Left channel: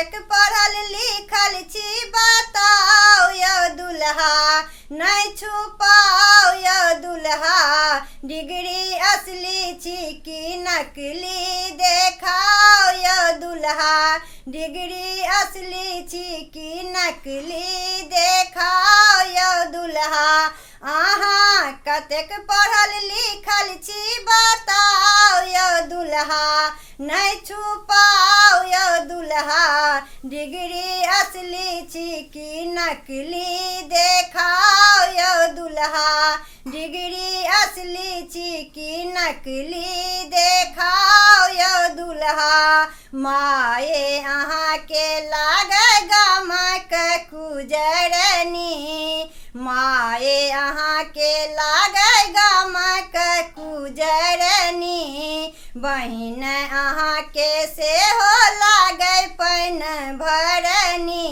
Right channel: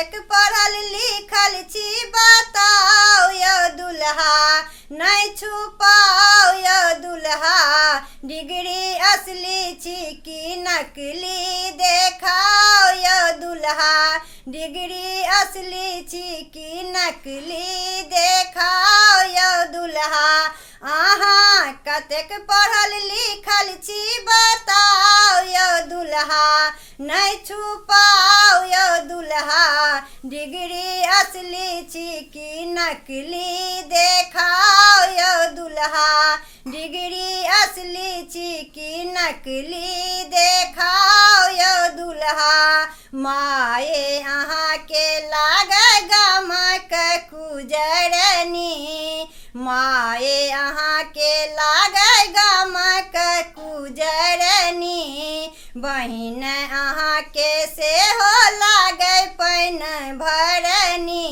कतेक पढ़ल लिखल छी बताओ यो दुल्हा, नहीं छुपाओ यो दुल्हा। डिग्री असली छी कि नकली देखाओ यो दुल्हा, डिग्री असली छी कि नकली देखाओ यो दुल्हा। अहाँ कतेक पढ़ल लिखल छी बताओ यो दुल्हा, नहीं छुपाओ यो दुल्हा। डिग्री असली छी कि नकली देखाओ यो दुल्हा, डिग्री असली छी कि नकली देखाओ यो दुल्हा। माये अहाँ के लागे गामक कुजरनी, माये अहाँ के लागे गामक कुजरनी। बहिन अहाँ के सेहो लागे पैन भरनी,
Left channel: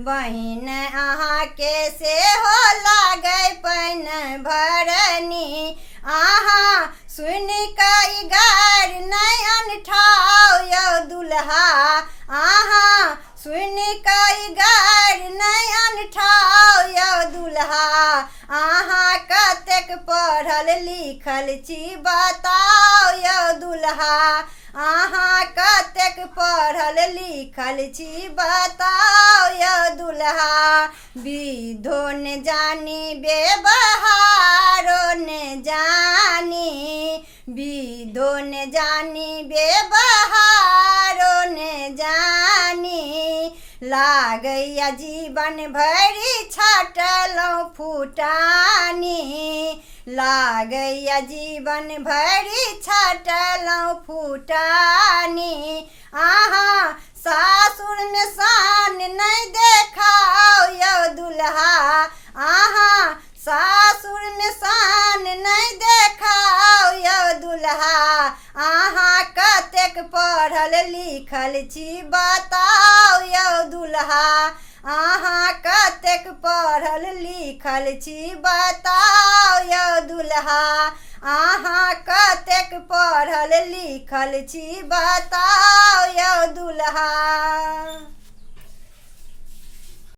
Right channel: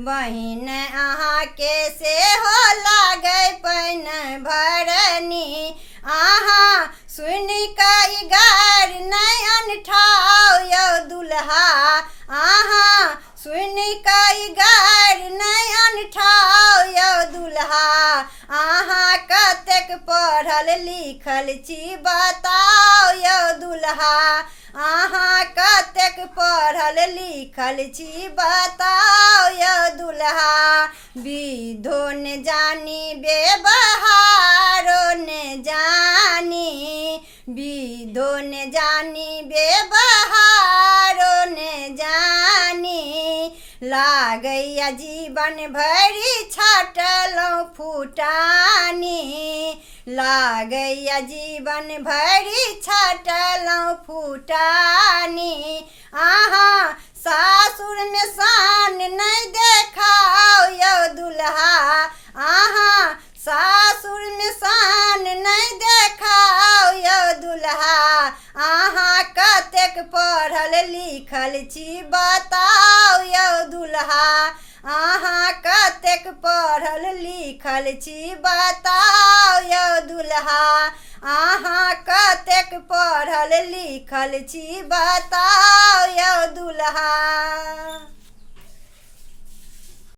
बहिन अहाँ के सेहो लागे पैन भरनी। अहाँ सुनि कऽ गार नहीं अनठाओ यो दुल्हा, अहाँ सुनि कऽ गार नहीं अनठाओ यो दुल्हा। अहाँ कतेक पढ़ल लिखल छी बताओ यो दुल्हा, अहाँ कतेक पढ़ल लिखल छी बताओ यो दुल्हा। विधो ने जानी व्यवहारो ने जानी, विधो ने जानी व्यवहारो ने जानी। लागैया जीवन भरि छाटलहुँ फुटानी, लागैया जीवन भरि छाटलहुँ फुटानी। अहाँ सासुर में शान नहीं देखाओ यो दुल्हा, अहाँ सासुर में शान नहीं देखाओ यो दुल्हा। अहाँ कतेक पढ़ल लिखल छी बताओ यो दुल्हा, अहाँ कतेक पढ़ल लिखल छी बताओ यो दुल्हा, अहाँ कतेक पढ़ल लिखल छी बताओ यो दुल्हा।